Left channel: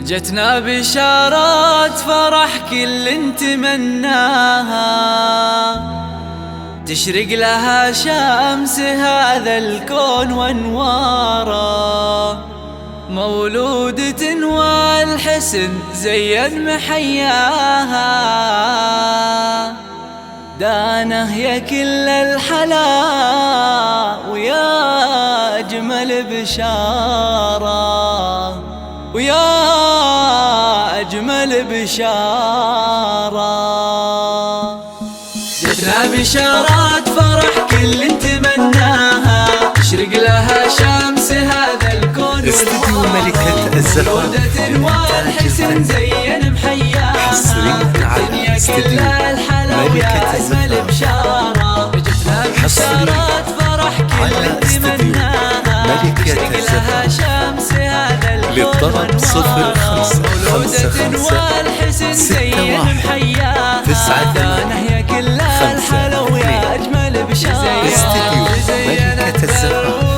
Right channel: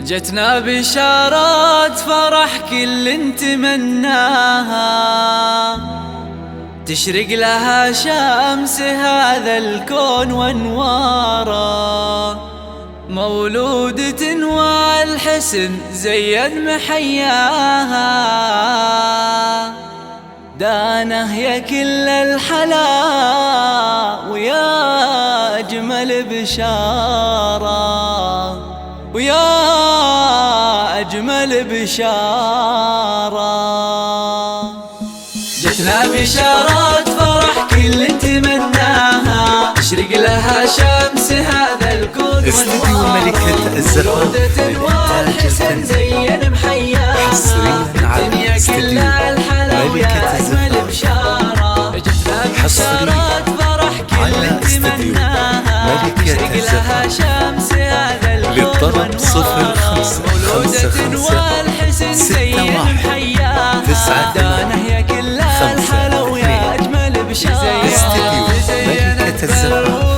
جتنا بشارات فرح كل نتمناها، تشرق لها شمس هذا الكون وانواره، مولودة والحسن زين محياها، دانه يا كل الحلا ويا أجمل بشارة، ويا أجمل بشارة. جتنا بشارات فرح كل نتمناها، تشرق لها شمس هذا الكون استديو ملكة الزفاف للإنتاج الفني، حصريا على استديو ملكة الزفاف، حصريا على استديو ملكة الزفاف. للطلب 0556161985. استديو ملكة الزفاف،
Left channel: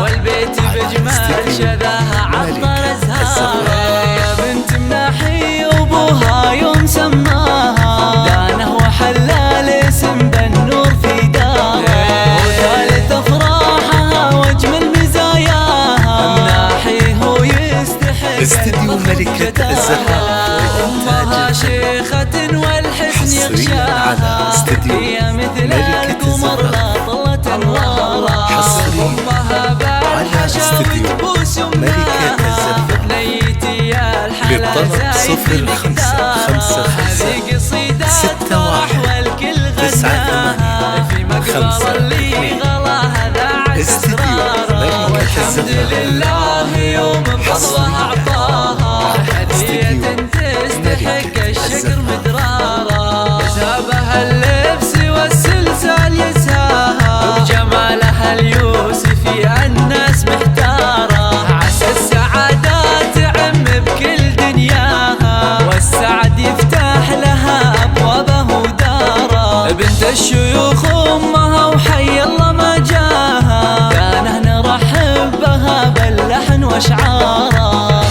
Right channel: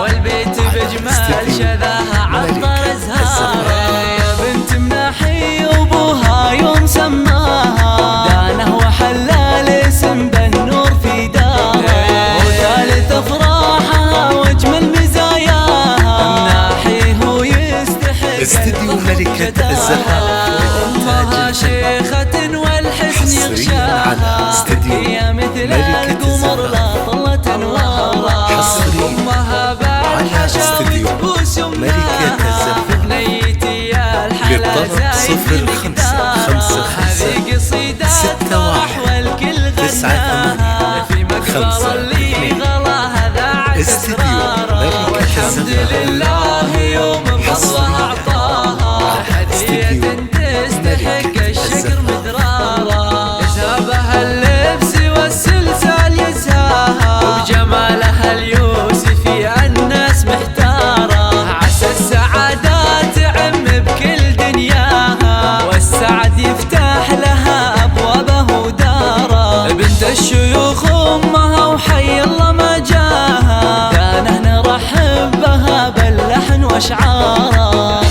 والبيت بجمال شذاها عطر ازهارها، يا بنت مناحي وابوها يوم سماها، دانه وحلى الاسم بالنور في داره، وثالث افراحها واجمل مزاياها، مناحي هو يستحق استديو ملكة الزفاف، امها شيخة والحسن يغشاها، هي مثل القمر لا طلت انوارها، امها بعد حشاوة بوس ملكة الزفاف. بنيتي يا الحلا للطلب زايد بمقدارها، هذه قصيدات فرح والكل غناها، في مقبر اللي غلاها ذاعت اسرارها، والحمد لله يوم بفضلها اعطاها هدية تستحق الشكر مدرارا، يزهبها اللبس والسلسال يزهاها، وبجمالها اليوسفي الناس محتارة، عسى السعادات تعم بكل دنياها، والسعد يفتح لها أبوابه ودارا، بنت الشيوخ أمها وحي الله ما جاها، دانه نرحب بها باللحن واشعارا.